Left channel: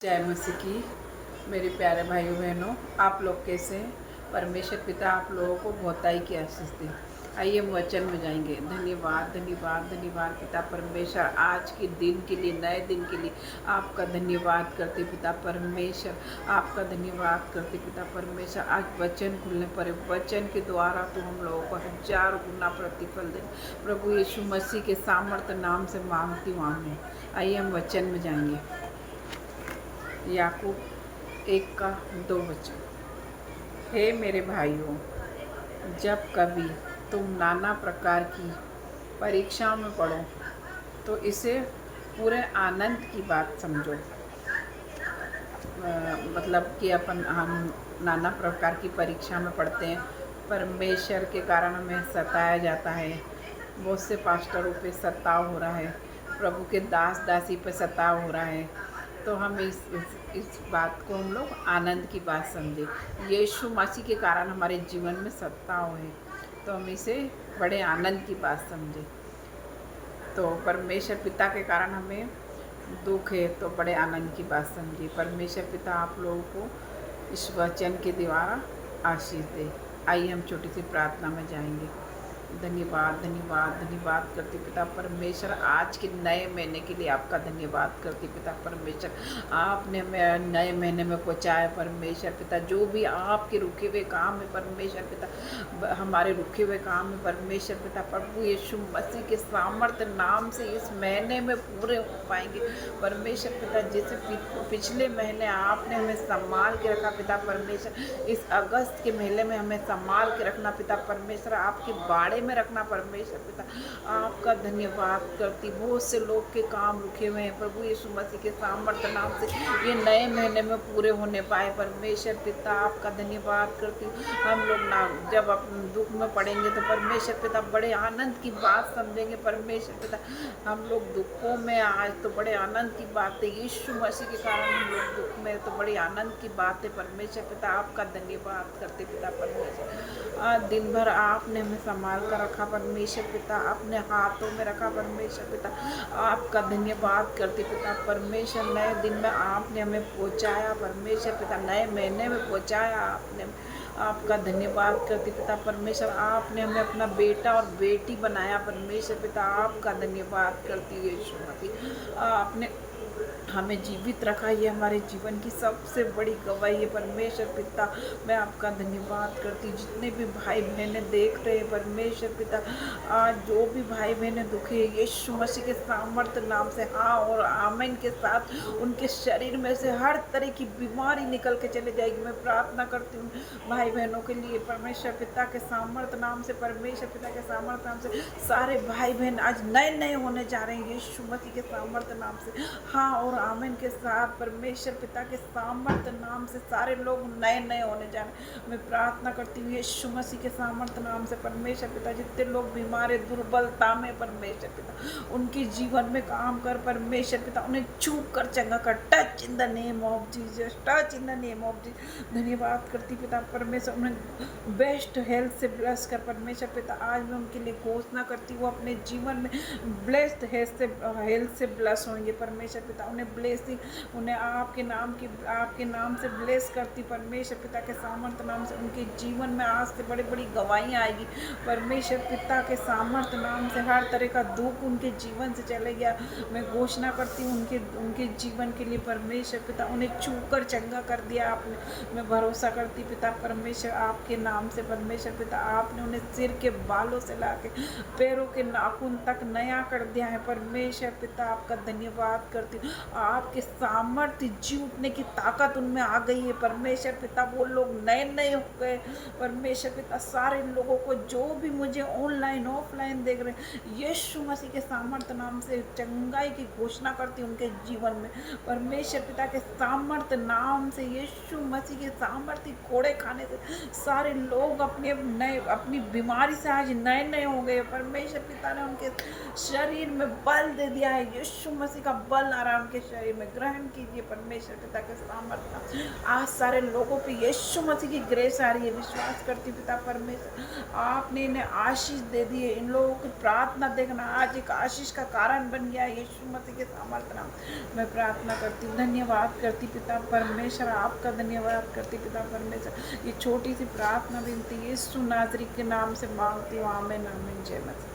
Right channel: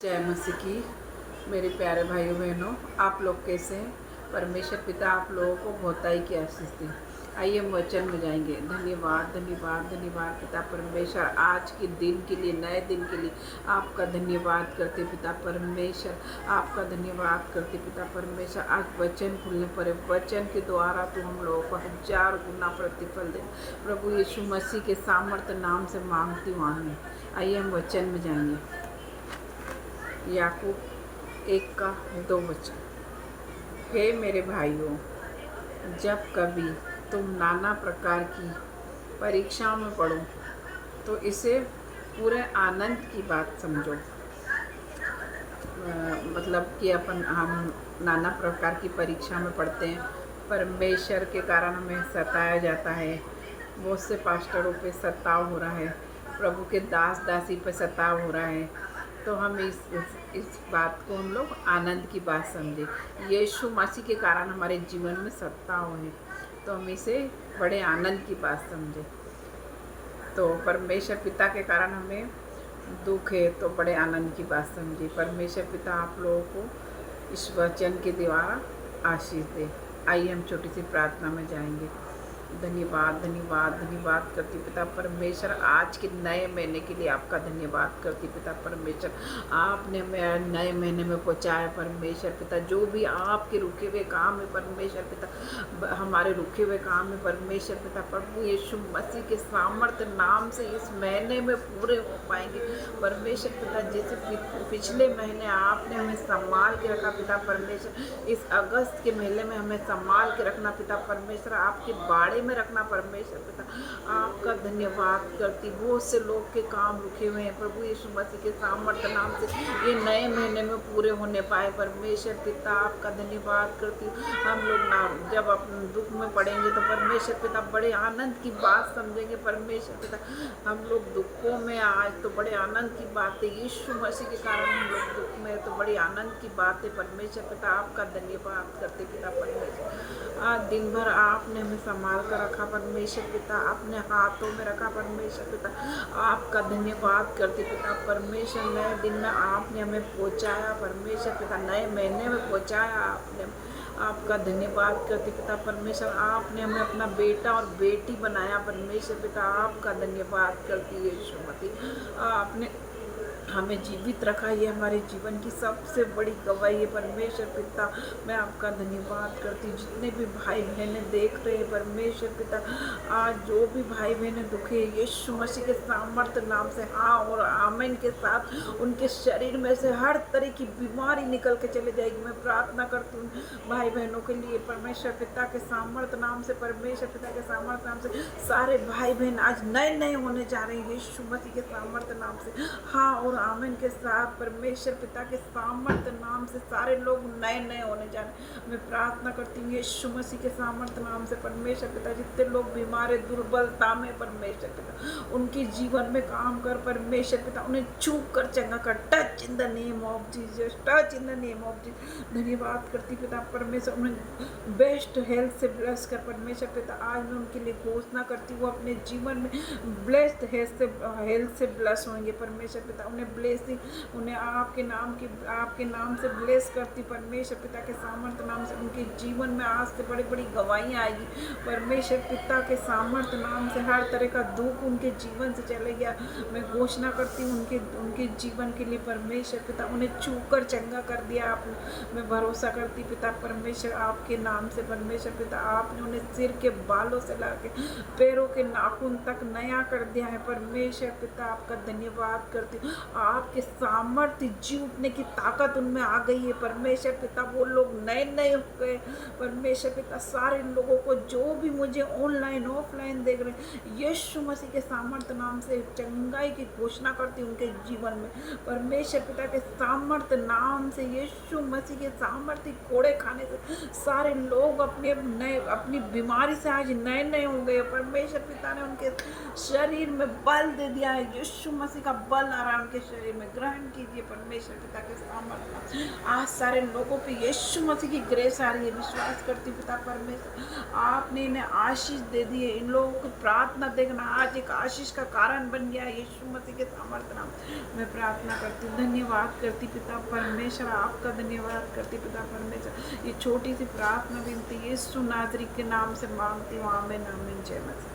जय मसीह की। मेरे प्यारे भाइयों बहनों, आप लोग कैसे हैं? परमेश्वर पिता आप लोगों को बहुताई की आशीष दे। आइए हम वचन में जाएंगे। धन्यवाद धन्यवाद धन्यवाद पिता परमेश्वर, आज के दिन के लिए, नए दिन के लिए आपका धन्यवाद करते पिता परमेश्वर। आपका धन्यवाद करते पिता परमेश्वर। आज वचन खुलने पर वचन के द्वारा तो हम लोगों को 1000 गुना प्रतिफल दे। प्रभु यीशु मसीह के सामर्थ्य नाम से मांगती हूँ आमीन। आइए हम वचन में जाएंगे। याकूब 1:2। हे मेरे भाइयों, जब कभी तुम नाना प्रकार की परीक्षाओं में पढ़ो तो इसे पूरे आनंद की बात समझो। मतलब कि हम नाना प्रकार की परीक्षा में पढ़ते हैं। परमेश्वर के कारण हमें सताया जाता है। बहुत से पास्टरों पे सताव हो रहा है, प्रभु के दास दासी पे सताव हो रहा है। तो हम इस बात को हम लोग आनंद की बात समझे। यीशु मसीह के कारण हमारे जीवन में सताव है, तो हम इसे बड़े आनंद की बात समझे। तो परमेश्वर पिता के कारण हमें दुख है, तो बड़े आनंद की बात समझिए। परमेश्वर पिता आप लोगों को इस वचन के द्वारा आशीष दे। आइए हम छोटी सी प्रार्थना में जाएंगे। धन्यवाद धन्यवाद धन्यवाद करती पिता परमेश्वर, आज के नए महीने के लिए आपका धन्यवाद करती पिता परमेश्वर। आपने हमें नए महीने में पहुंचाया परमेश्वर पिता। जो भी आपके रुके हुए काम है परमेश्वर पिता, हमारे रुके हुए काम है परमेश्वर पिता, प्रभु यीशु मसीह के सामर्थ्य नाम से इस महीने में पूरे हो पाएंगे परमेश्वर पिता। जैसे पिछले महीने आपने हमें संभाल के रखा पिता परमेश्वर, इस अगस्त के महीने में हमें संभाल के रखना पिता परमेश्वर, आपके बाड़े में रखना परमेश्वर पिता। आपका धन्यवाद करती। बहुत से लोग के काम रुके हुए हैं प्रभु यीशु मसीह के सामर्थ्य नाम से ये नए महीने में पूरे होने पाए परमेश्वर पिता। आपका धन्यवाद करती। हम लोग ना जब अपने दुख में पड़ेंगे तो परमेश्वर पिता बड़े आनंद की बात समझेंगे परमेश्वर पिता। हम लोग दुखों में आज तो बड़े आनंद की बात है, यीशु मसीह के कारण हम लोग दुख में, तो बड़ी आनंद की बात है परमेश्वर पिता। आपका धन्यवाद करते पिता परमेश्वर। आज दिन भर आपने हमें संभाल कर रखा परमेश्वर पिता, अपने हाथों में रखा परमेश्वर पिता। आपका धन्यवाद करते पिता परमेश्वर। नए दिन में आपने हमें पहुंचाया परमेश्वर पिता, नए महीने में पहुंचाया आपने। आपका धन्यवाद करते पिता परमेश्वर। आपने हमें अपना बेटा और बेटी बनाया परमेश्वर पिता। आपका धन्यवाद करती है यीशु मसीह। आपने हमें जीवित रखा, ये हमारे जीवन की सबसे बड़ी गवाही है परमेश्वर पिता। मैं आपका धन्यवाद करती। जितने भी भाई बहनें देख रहे हैं परमेश्वर पिता, आज जो भी भाई बहनें दुखे यीशु मसीह के सामर्थ्य नाम से हाँ और आमीन के साथ उनके शरीर में से हर तरह की बीमारी निकल के चले जाएगी। मैं प्रार्थना करती हूँ भाई बहनों के लिए परमेश्वर पिता के सामर्थ्य नाम से, परमेश्वर पिता के सामर्थ्य नाम से सारे भाई बहन आज नए नए होने जा रहे हैं यीशु मसीह के सामर्थ्य नाम से हाँ और आमीन के साथ। परमेश्वर पिता के सामर्थ्य नाम से सारे लोग नए नए होने जा रहे हैं। मैं प्रार्थना करती हूँ यीशु मसीह के सामर्थ्य नाम से परमेश्वर पिता। जितने लोग बीमार है, दुर्बलता में परमेश्वर पिता, उनके जीवन में काम कर परमेश्वर पिता, उन्हें छू कर चंगा कर। Touch in the name of Jesus, touch in the name of Jesus. धन्यवाद करती पिता परमेश्वर, उन्हें बेस्ट हेल्थ से ब्लेस कर परमेश्वर पिता। आज मैं उनके लिए घोषणा करती हूँ अपने जीवन में ब्लेस्ड हेल्थ से ब्लेस होंगे परमेश्वर पिता। उन्हें ब्लेसिंग, उन्हें आपके नाम से ब्लेस करती परमेश्वर पिता के सामर्थ्य नाम से। उनके जीवन में आज से बड़ी बड़ी गवाहियाँ आएगी परमेश्वर पिता के सामर्थ्य नाम से। हर तरह का दुख उनके जीवन से चले गया। मैं घोषणा करती हूँ उनके जीवन के लिए परमेश्वर पिता, उन्हें छू कर चंगा कर दिया आपने। मैं भरोसा करती पिता परमेश्वर आपके नाम से परमेश्वर पिता। आपने उन्हें सिर के बालों से ला के पैरों के नाखून तक नया कर दिया है परमेश्वर पिता। आपका धन्यवाद करती हूँ। आपके सामर्थ्य जी उठने की ताकत उनमें आ गई है परमेश्वर पिता। वो लोग नए नए हो गए परमेश्वर पिता। सारे लोगों को जो भी मुझे ऑनलाइन ऑफलाइन देख रहे हैं यीशु मसीह के सामर्थ्य नाम से चंगाई की घोषणा करती हूँ उनके जीवन में परमेश्वर पिता के सामर्थ्य नाम से। यीशु मसीह के सामर्थ्य कोड़े खाने से सारे लोग अपनी बीमारी से आज नए नए हो गए परमेश्वर पिता ने उनके शरीर में बल दे दिया है। यीशु मसीह का बल आ रहा है उनके परमेश्वर में ग्रहण कीजिए परमेश्वर पिता के सामर्थ्य। आज सारे लोगों पे यीशु मसीह की ग्रेस आ रही है, विश्वास करती पिता परमेश्वर आपने इन्हें आशीष दे दी है। इन लोगों की प्रार्थना देखना आज एक आशीष का कारण बन गया है, यीशु मसीह के सामर्थ्य नाम मैं प्रार्थना करती हूँ। धन्यवाद करती पिता परमेश्वर, आपका धन्यवाद करती पिता परमेश्वर। ये छोटी सी प्रार्थना विनती यीशु नासरी के नाम से मांगती हूँ, आमीन आमीन। जय मसीह।